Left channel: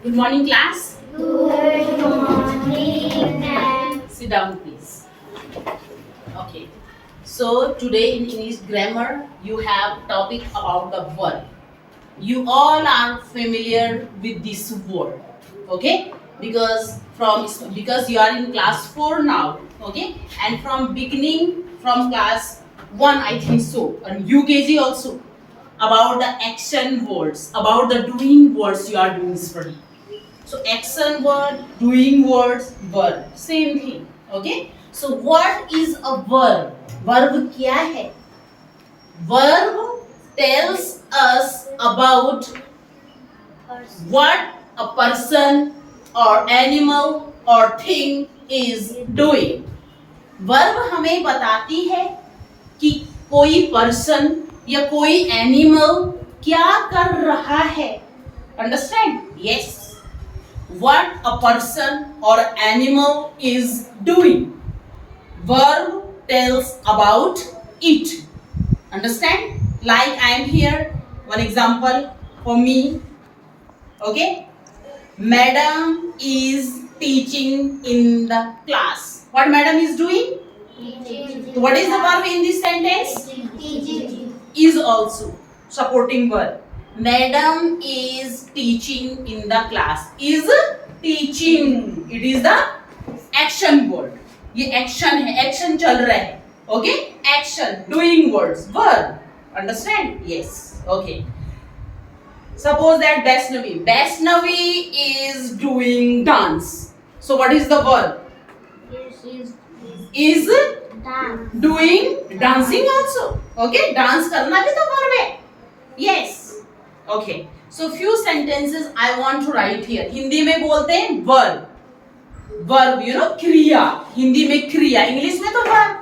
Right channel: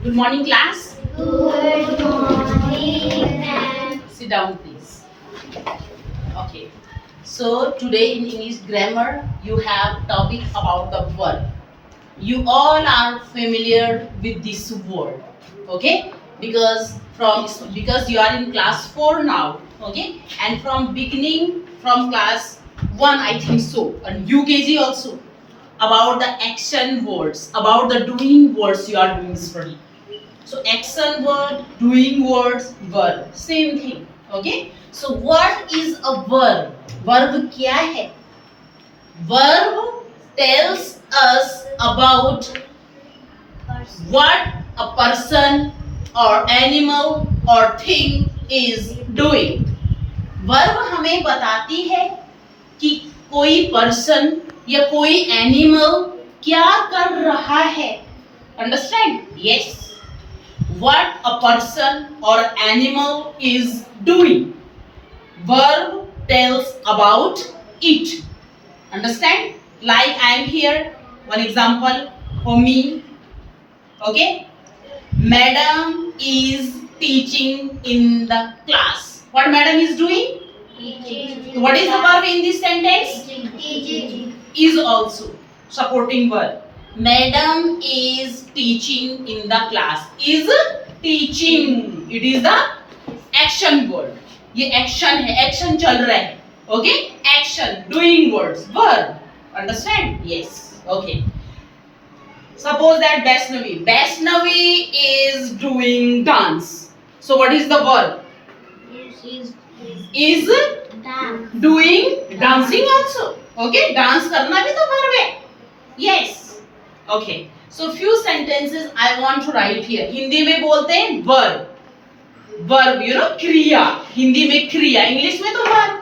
Good morning, class. Good morning, ma'am. Sit down, please. Okay. So today in English grammar, you have topic about the verb. You all are familiar with this word, okay? Because you are in class 4 now, okay? And from beginning, from class 1, I think so, and UKG also, about the action words, about the doing words you are doing study. So action word, doing words, verb, same thing. Okay. So what is a verb? Verb क्या है? Verb tells us about what a person or animal or thing is doing. Verb हमें बताती है कि कोई person या कोई animal क्या कर रहा है. Understand? Yes. What a person or animal is doing. Verb tells about it. Understand? Like I am here. One example for me. Okay. Madam is teaching in the class. What madam is doing? Teaching. What is the verb in this sentence? Teaching. Is also supporting verb. Madam is teaching in the class. Is teaching. It is the action word. ये action है, action चल रहा है. Okay? Action, doing words, verb. Understand? Yes. Okay. Suppose that Vaishnavi is doing dance. So what is the verb? Is Dance. doing dancing also. Okay? Dance करना भी तो verb है. Yes. Okay. So few sentences I want to write here. Hindi में बोलते हैं verb. Verb, you know, क्रिया. हिंदी में क्रिया, इंग्लिश में तो verb.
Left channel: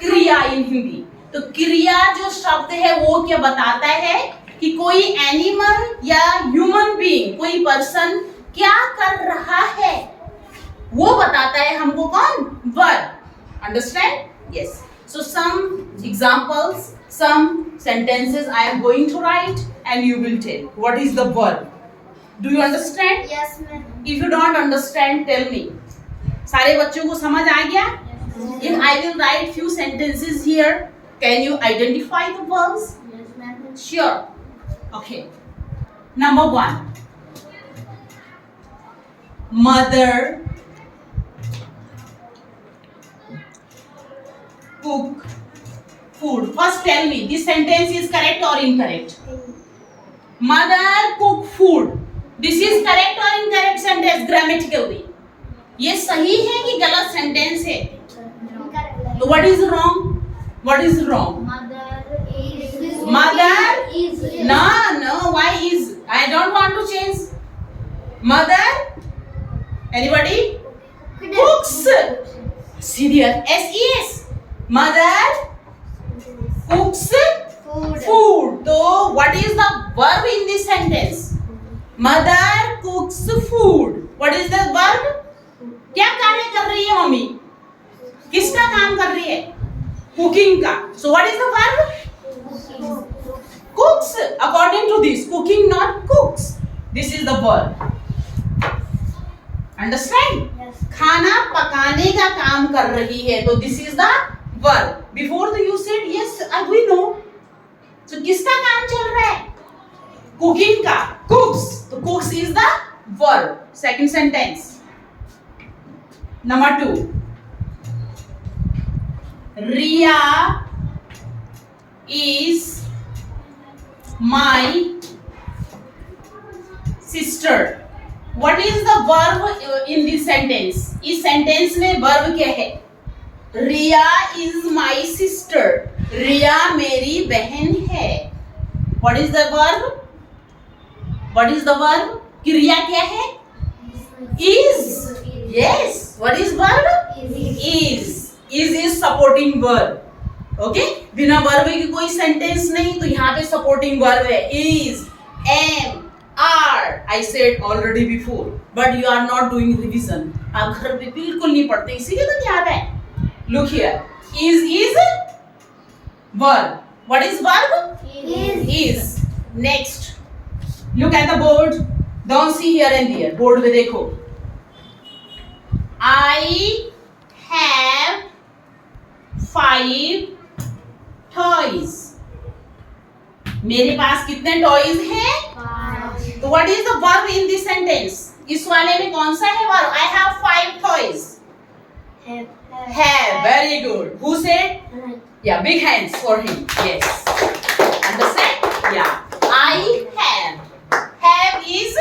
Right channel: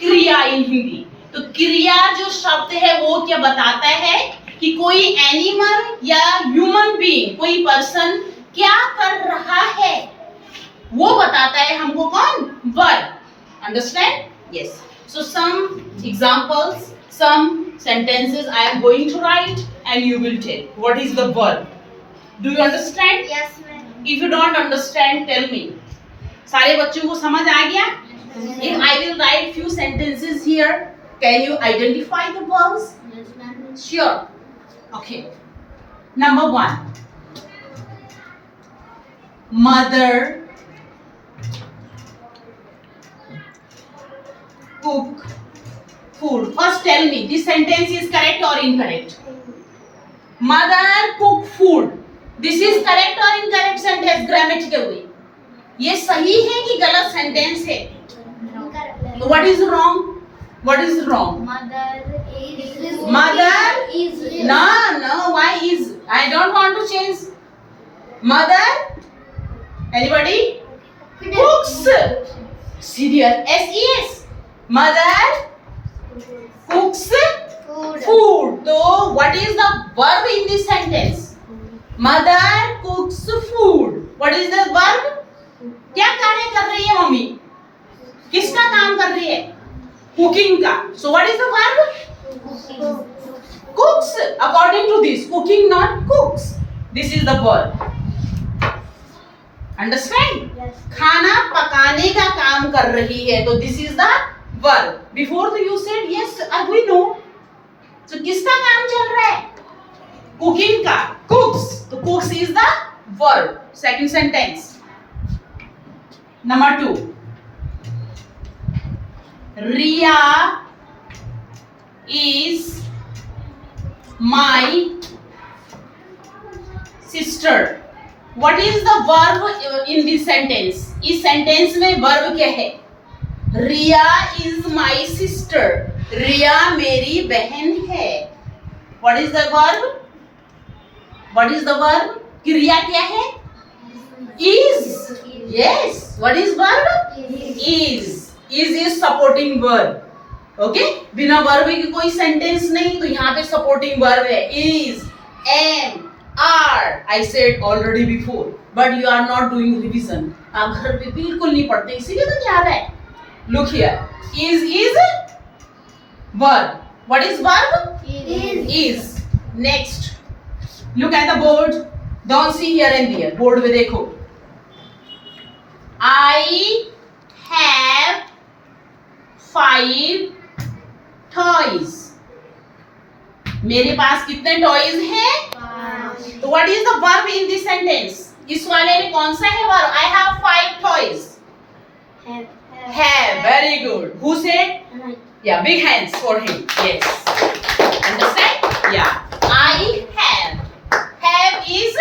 क्रिया in हिंदी. तो क्रिया जो शब्द है वो क्या बताता है कि कोई एनिमल या ह्यूमन बीइंग, कोई पर्सन क्या कर रहा है, वो बताता है हमको कौन? verb. Understand? Yes. So some examples, some sentences I am going to write and you will tell what is the verb. Do you understand? Yes, ma'am. If you don't understand, tell me. सारे बच्चों को समझ आ गया? If I will write few sentences here, can you identify the verbs? Yes, ma'am. Sure. Okay. Number 1. Mother cook food. First tell me, this sentence is correct or incorrect? Mother cook food. This is correct or incorrect sentence grammatically? ये सही है कि गलत sentence है? What is wrong? What is wrong? Mother is. Mother is. No. Why is? I don't want to change. Mother. Anybody? Cooks. See there. S-E-S. Mother cooks food. So what is the verb in this sentence? Mother cooks food. What is the verb? क्या कार्य कर रही है mummy? किसका काम कर रही है? कुकिंग का. So what is the verb? Cooks. According to this, cooking not cooks. This is the verb. Understand? Yes. खाना पकाने का काम कर रही है, तो this is the verb. Before you said yes, we know. So किसका काम चल रहा है? Cooking का. Cooks. तो cooks is the verb. Second sentence. Number 2. Riya is my sister. What is the verb in this sentence? इस sentence में verb क्या है? Riya is my sister. Riya मेरी बहन है. What is the verb? What is the verb? क्रिया क्या है? Is. Yes. What is verb? Is. Is supporting verb. Okay? बिना verb के कोई sentence नहीं, तो यहाँ पे supporting verb है. Is, am, are. I said already before, but you are not doing revision. आप घर पे बिल्कुल नहीं पढ़ते, इसीलिए तो याद है. Look here. Is verb. What is verb? Is. Is. Next. Look at the board. Don't see here and there, board में देखो. I have 5 toys. मेरे पास कितने टॉयज हैं? तो what is the verb in this sentence? इस वाले में कौन सा है verb? I have 5 toys. Have, very good. Who said? Yeah, big hands for him. Yes. Understand? Yeah. I have. Have is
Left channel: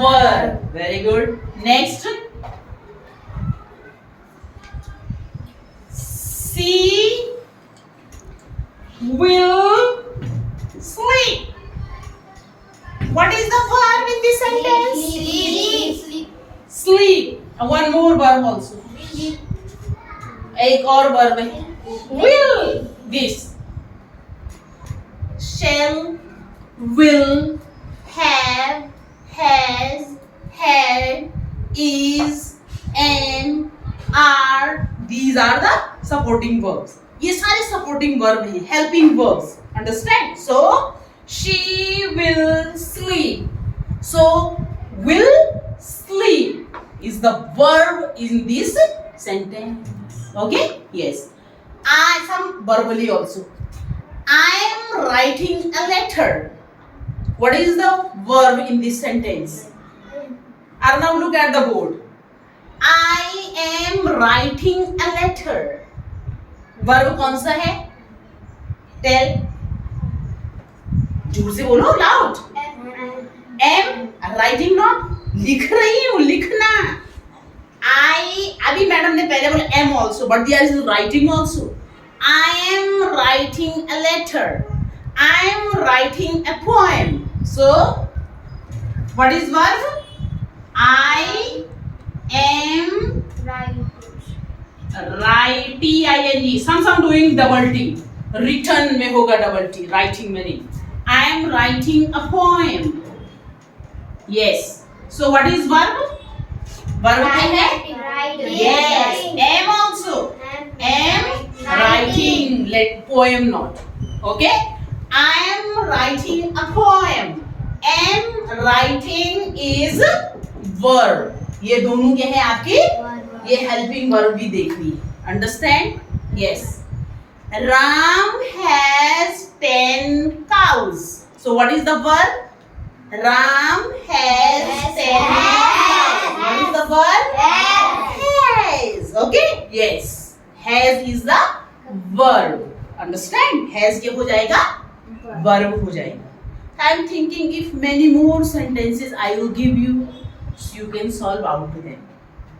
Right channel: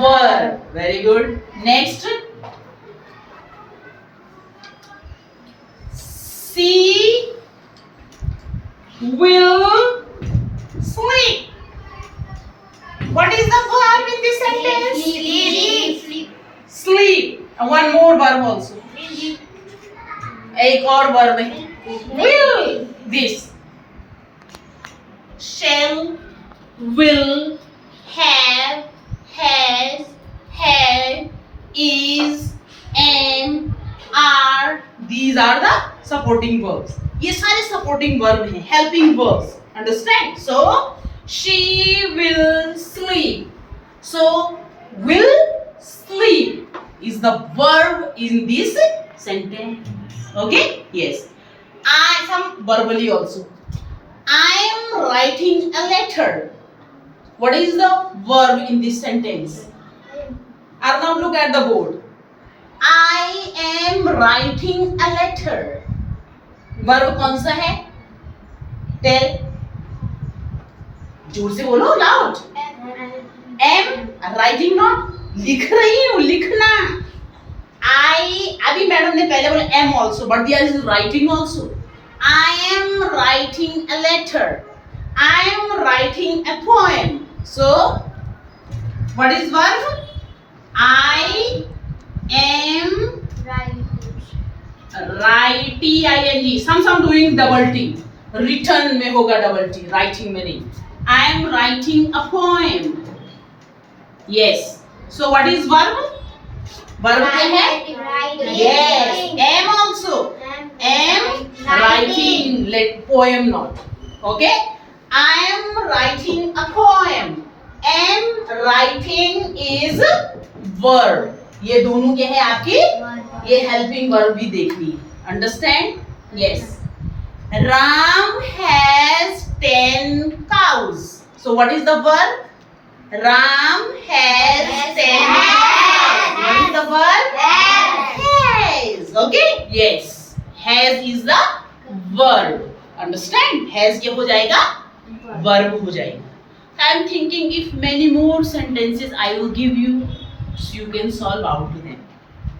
verb. Very good. Next. She will sleep. What is the verb in this sentence? Sleep. Sleep. And one more verb also. एक और verb है. Will. This. Shall, will, have, has, had, is, am, are. These are the supporting verbs. ये सारे supporting verb हैं, helping verbs. Understand? So, she will sleep. So, will sleep is the verb in this sentence. Okay? Yes. Some verbally also. I am writing a letter. What is the verb in this sentence? Arnav, look at the board. I am writing a letter. Verb कौन सा है? Tell. जोर से बोलो, loud. Am writing not. लिख रही हूँ, लिखना. I अभी मैडम ने पहले बोला am also, but there is writing also. I am writing a letter. I am writing a poem. So, what is verb? I am writing. Some doing double T. Written में होगा double T. Writing में नहीं. I am writing a poem. Yes. So, what is verb? Verb क्या है? Yes. Am also. Am writing. Let poem not. Okay. I am writing a poem. Am writing is verb. ये दोनों क्या है आपकी? ये helping verb भी देखनी है. Understand? Yes. Ram has 10 cows. So what is the verb? Ram has 10 cows. What is the verb? Has. Okay? Yes. Has is the verb. Understand? Has क्या हो जाएगा? Verb हो जाएगा. I am thinking if many more sentences I will give you, so you can solve out to them.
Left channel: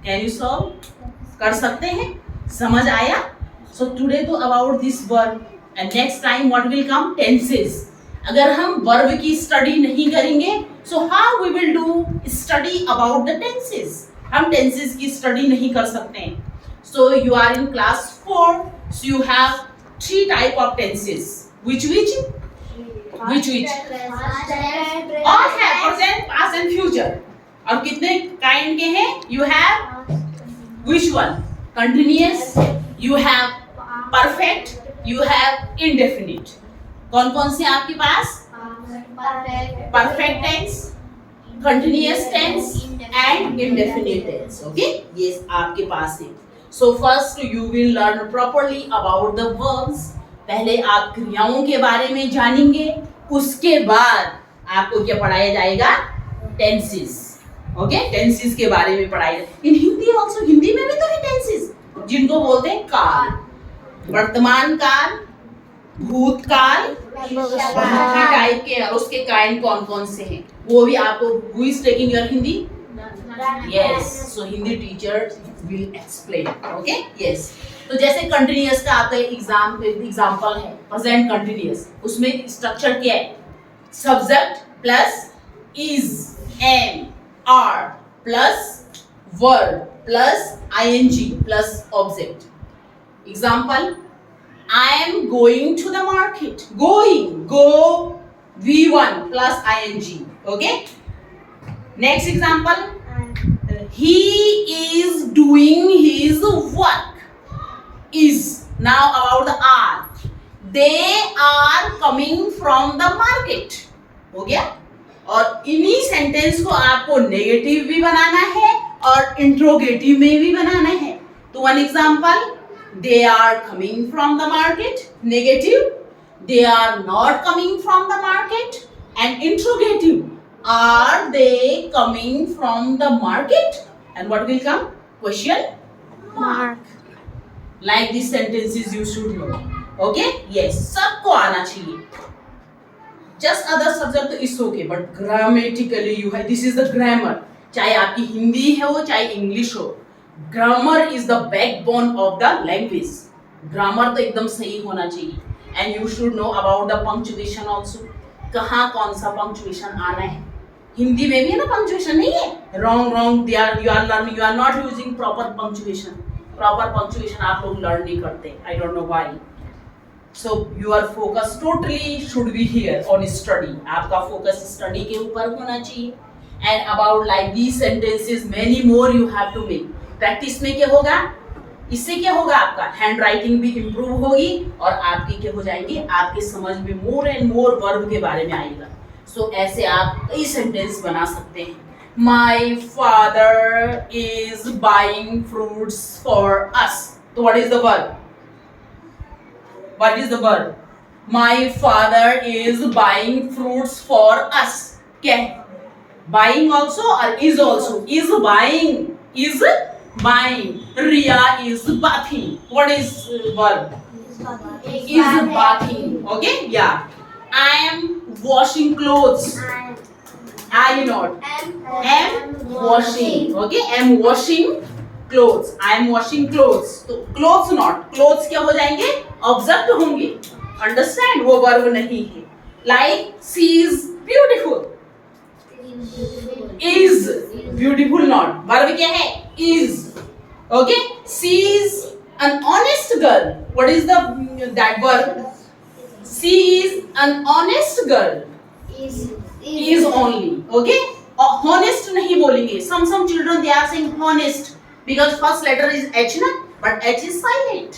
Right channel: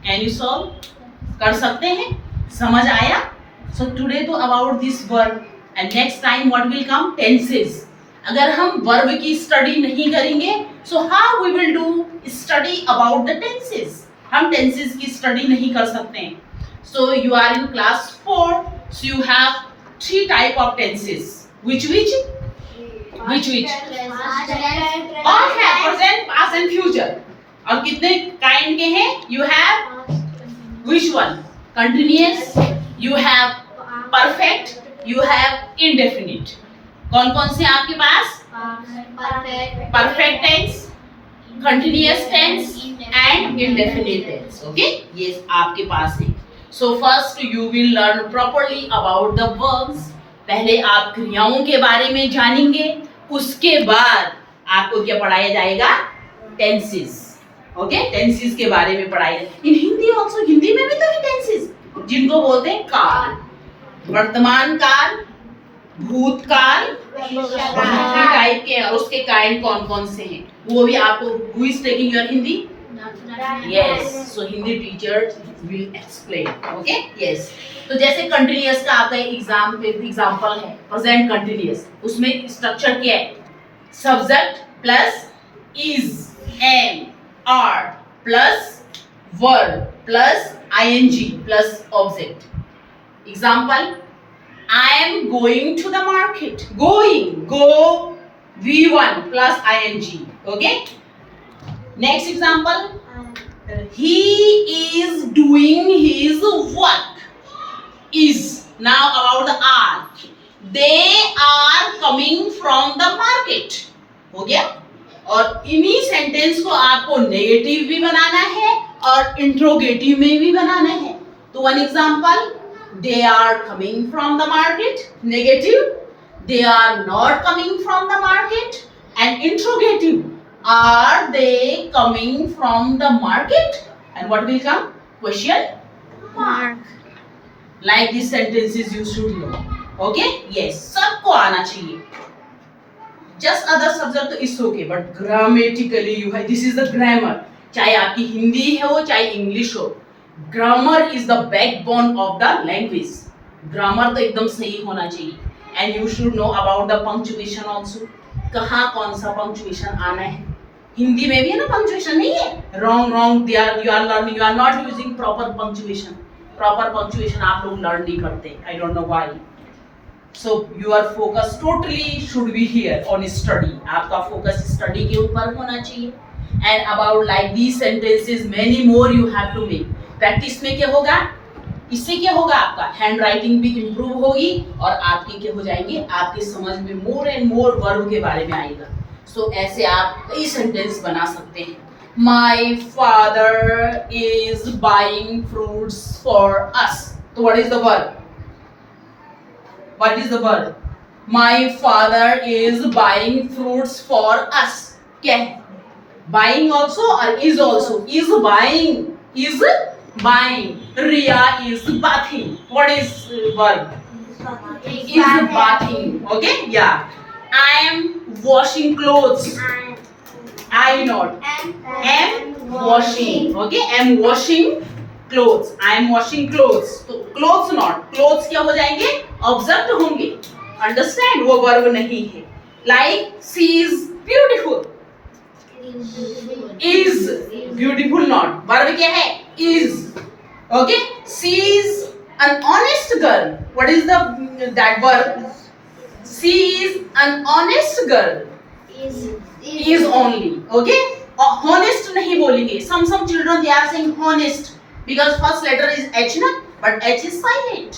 Can you solve? कर सकते हैं? समझ आया? So today तो about this verb and next time what will come? Tenses. अगर हम verb की study नहीं करेंगे, so how we will do study about the tenses? हम tenses की study नहीं कर सकते हैं. So you are in class 4, so you have 3 type of tenses. Which? Which? और है present, past and future. और कितने kind के हैं? You have which one? Continuous. You have perfect. You have indefinite. कौन कौन से आपके पास? Perfect tense, continuous tense and indefinite tense. Okay? Yes, आपके पास है. So first you will learn properly about the verbs. पहले आप क्रियाओं के बारे में जानेंगे. उसके बाद आपको क्या पढ़ाया जाएगा? Tenses. Okay? Tenses के बारे में पढ़ाया जाएगा. In हिंदी also, हिंदी में भी तो है tenses, जिनको बोलते हैं काल, वर्तमान काल, भूतकाल, टाइप के, और उसके काइंड कौन कौन से हैं वो भी आपको. Who is taking your Hindi? Yes. So Hindi teacher will explain. Okay? Yes. तो जैसे कंटिन्यूअस का आपका एग्जाम्पल है प्रेजेंट कंटिन्यूअस, उसमें स्ट्रक्चर क्या है? Subject plus is, am, are plus verb plus ING plus object. Example, I am going to the market. Going, go, V1 plus ing. Okay? Next example. He is doing his work. Is. Now about the are. They are coming from the market. हो गया। और इन्हीं sentence को आपको negative भी बनाना है और इंट्रोगेटिव में भी बनाना है। तो one example, they are coming from the market, negative, they are not coming from the market, and interrogative, are they coming from the market, and what will come? Question Mark. like these sentences you should know. Okay? Yes, सबको आना चाहिए. Just other subject is okay, but grammatically you have, this is the grammar. चाहे आपकी हिंदी हो चाहे English हो, grammar is the backbone of the language. Grammar तो एकदम सही होना चाहिए. And you should know about the punctuation also. कहाँ कौन सा punctuation आना है. हिंदी में भी है ना punctuation, नहीं है? Wrong, you are learning, you are not using proper punctuation. Proper punctuation आप लोग लर्न नहीं करते. I don't know why. So your focus totally should be here on study. आपका फोकस स्टडी के ऊपर होना चाहिए. And about like these sentences many more you have to make. Practice में क्या होगा? इससे क्या होगा? आपका हैंड राइटिंग भी इम्प्रूव होगी और आपके क्या हो जाएंगे, आपके समझ में मोर एंड मोर वर्ब के बारे में आएगा. सो ऐसे आप कई सेंटेंस बना सकते हैं. My father is buying fruits for us. So what is the verb? What is the verb? My father is buying fruits for us. क्या है? Buying also or is also? Is buying. Is buying. Riya is bathing. What is verb? Is bathing. Okay? Yeah. I am washing clothes. I not. Am washing. Okay, am washing clothes. I am washing clothes. तो clothes not. Clothes क्या हो जाएंगे? Object होंगे. Understand? वो verb नहीं है. Like she is beautiful. Is beautiful not. Verb क्या है? Is. Okay. She is an honest girl. What is that verb? She is an honest girl. Is only. Okay. Honest नहीं बोलेंगे. Some children they are saying honest because first letter is H ना, but H is silent.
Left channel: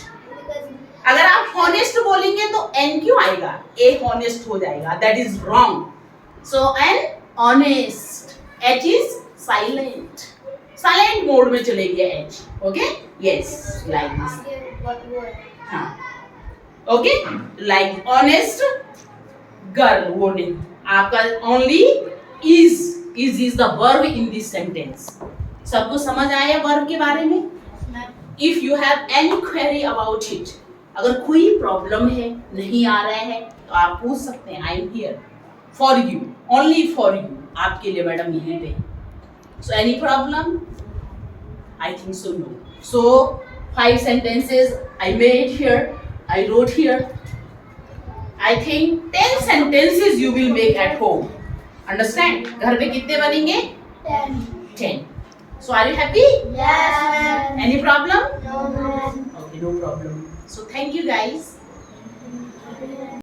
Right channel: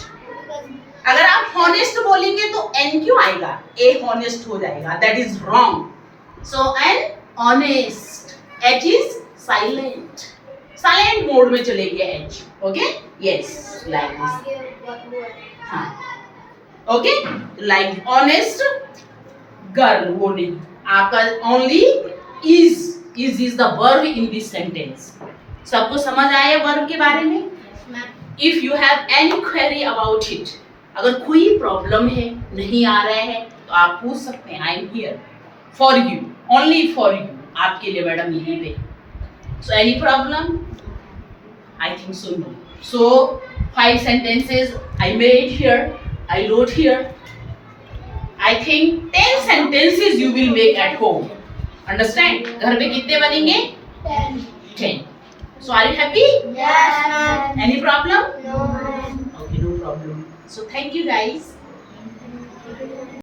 अगर आप honest बोलेंगे तो N क्यों आएगा? A honest हो जाएगा. That is wrong. So N honest. H is silent. Silent mode में चलेगी H. Okay? Yes. Like this. हाँ. Okay? Like honest girl वो नहीं. आपका only is the verb in this sentence. सबको समझ आया वर्ब के बारे में? If you have any query about it, अगर कोई प्रॉब्लम है, नहीं आ रहा है, तो आप पूछ सकते हैं. I am here for you, only for you. आपके लिए मैडम यहीं पे. So any problem? I think so no. So 5 sentences I made here, I wrote here. I think 10 sentences you will make at home. Understand? घर पे कितने बनेंगे? 10. So are you happy? Yes, ma'am. Any problem? No, ma'am. Okay, no problem. So thank you guys.